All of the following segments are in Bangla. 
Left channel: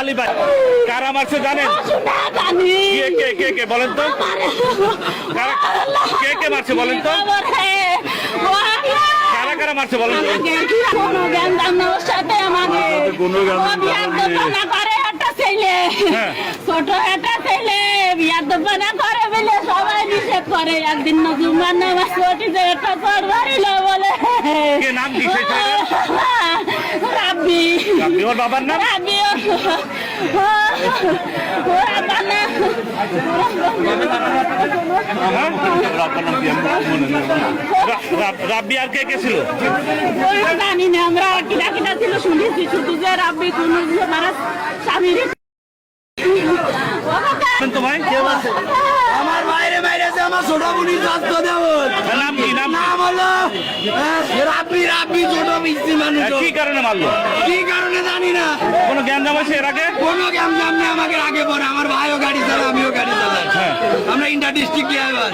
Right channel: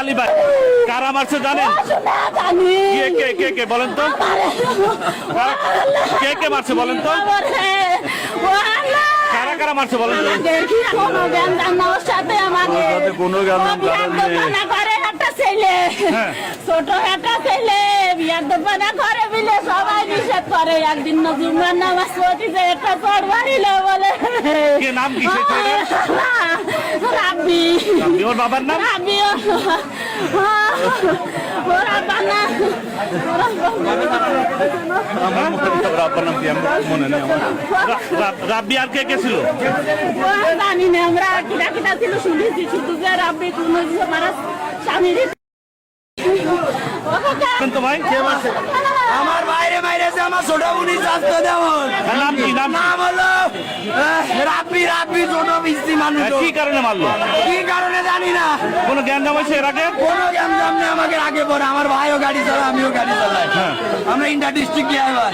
আলী ভাই কারা মারছে জানেন? কে কে বলেন তো, কে কে মারছে বলেন তো, কারা কারা মারছে বলেন তো? ছোট একটা ছেলে বিয়ার দোকানা করে বলে সবাই নিষেধ করে। একদিন নজরুমার নামাজ পড়িতে একটা চর মারিল বলে। নাম কি? রাব্বি। ওর বাবার নাম রাব্বি। ওরা বানা রাব্বি আর কে কে ছিল জানি না, আমরা কিনা কিনা ছিল শুনেছি শুধু যে রাব্বি কোন মারা স্বামীর। আমার বাইরে বাইরে আমার ছোট উনি রাস্তা যেমন নাম কি? নাম হলো রাব্বি। রাব্বি ছোট মিষ্টি মানুষ। কি কারণে মারলো? কি কারণে জানি না। কোনো জ্ঞানজাম হয়েছে এর আগে? কোনো জ্ঞানজাম নেই। আমাকে আগে পরে আমার ভাইও গাড়ি চালায়, আমিও গাড়ি চালাই। হ্যাঁ, আমরা ইন্টার ডিস্ট্রিক্ট ড্রাইভার।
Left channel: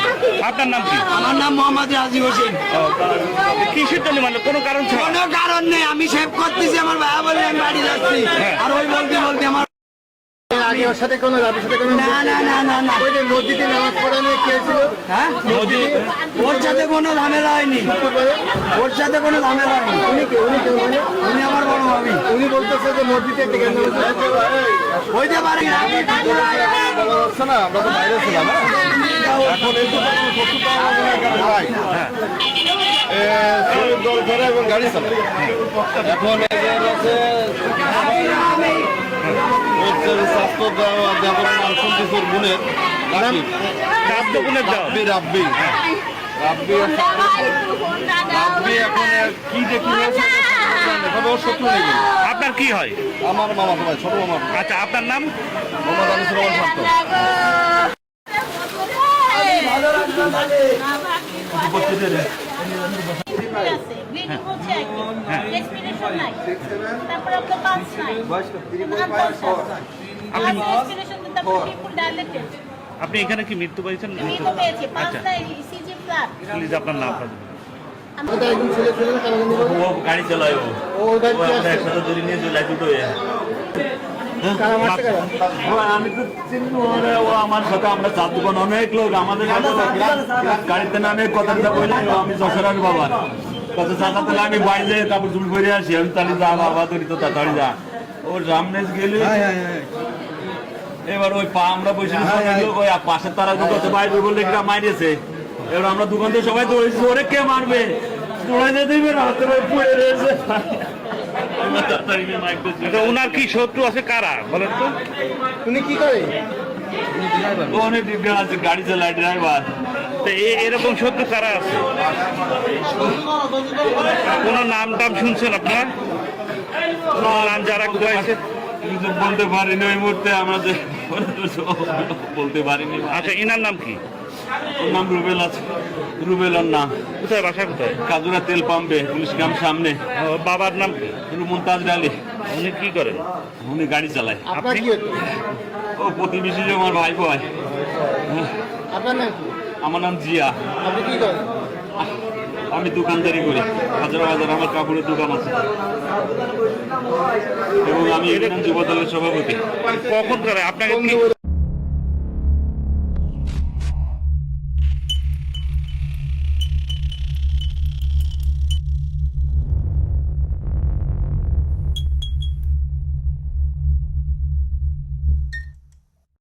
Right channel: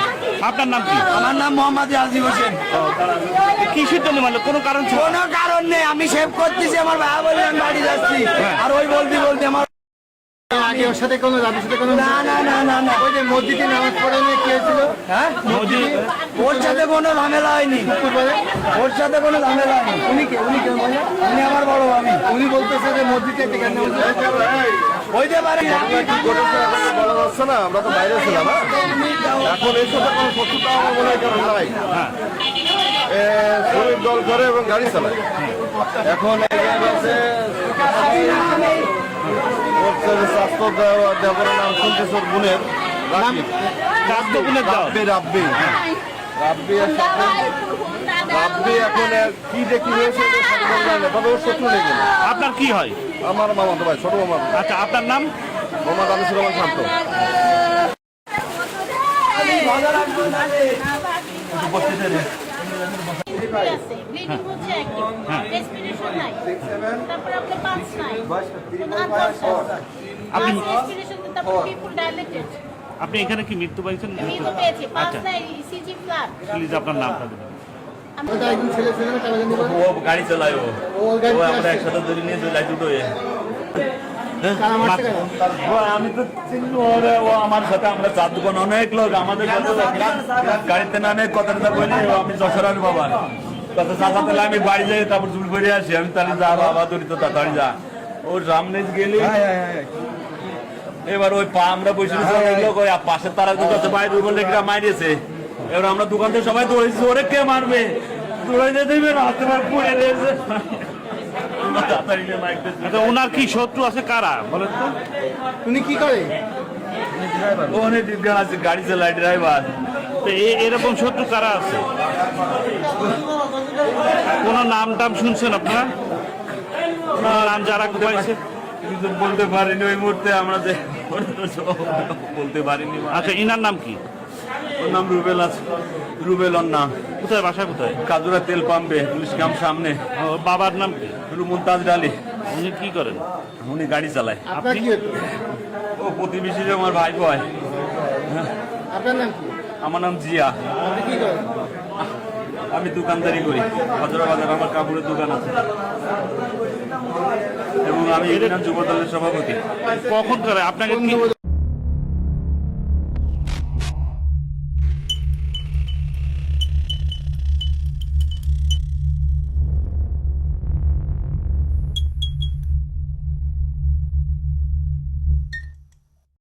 আপনার নাম কি? আমার নাম মোহাম্মদ রাজি হোসেন। কিসের জন্য মারলো? কোনো কারণ ছিল? কোনো কারণ নেই। আমি সেভ করতেছি, আমার ভাই বলে আমি বাড়ি যাচ্ছি, আর ওই বলতে বলতে আমার ওর সাথে কোনো না না না না না ওই যে মসজিদে নামাজ পড়ে নিয়ে কে ছিল? হ্যাঁ, ওর সাথে কোনো ঝামেলা হয়নি। ওর সাথে কোনো ঝামেলা হয়নি। উনি কে মানে? উনি আমার বড় আমি। উনি বলতেছে যে মসজিদে একটা কেন হইতে পারে না। বলা যাচ্ছে না, আমরা তো বাইরে ছিলাম। এখন এই তো তখন শত্রুতা মনে হয় কেন নাই। শরীর দল করে এবং গাড়ি চালায়। এখন স্বাস্থ্য দেওয়ার নাম শুনতেছে ওর বোনের রাব্বি। রাব্বি এখন কি যে কি হয়েছে ওর শত্রু নেই। আপনার কি হয়? আমার মামা ভাই, ছোট মামা। আচ্ছা, আপনার নাম? মোহাম্মদ আনিসুর রহমান শান্ত। আপনি এখানে কি মৃত্যু পাইছেন? আচ্ছা, প্লিজ আপনার নামটা বলুন। ও গাড়ি চালায়, আমরা একসাথে ধরে নিয়ে চলে দুটো। আমি তো চিনি, ও আমার সাথে আমরা চার দোকান অনেক লোক আমাদের গাড়িতে নামে কথা বলে আমি যশোরের বাবা কথা চাচা তাহলে আমি বাড়ি যাই, তারপর তুমি বেরিয়ে আসি। আমি তাহলে যা বাবা ধরি তো তাড়াতাড়ি যা। ওর সামনে গেলে এবার ওই পা আমরা বসে লোক ওই পাশের তারা দোকান বাইরে বললে মারিয়েছে। এবার আমরা দোকান থেকে সবাই দৌড়েছি, ওরে কে মারবে, দৌড়াইতে দেবে না, পড়ে রয়েছে। ওনার কি শত্রু আছে কারা বলেন তো? উনি কি করে? ও অনেক বিজ্ঞান আছে, গাড়ি চালায়, ড্রাইভার। এরকম শত্রু কারা আছে? কোন নাম টাম শুনছেন আপনার? নাম যারা পাইছে বলতে পারিনি ওই মুহূর্তে, আমরা যে বলতে পারিনি। আচ্ছা, ইনার নাম কি? ওর নাম রুবেল আছে। রুবেল ওর নাম। কোথায় বাসা কোথায়? কাজুরা তেল পাম্পে, পুলিশ ক্যাম্প সামনে। বাবার নাম কি? মুমতাজ আলী। উনি কি করেন? উনি গাড়ি চালায়। আপনার কি? ও প্রতিবেশী যে আমার ভাই ভাই। আপনার নাম কি? আমার নাম জিয়া। আপনি কি করেন? আমি দোকানদারি করি হাজারা বাজার, আমার কাপড়ের দোকান আছে এবং আমি যুব দলের সভাপতি। কখন করে আপনাকে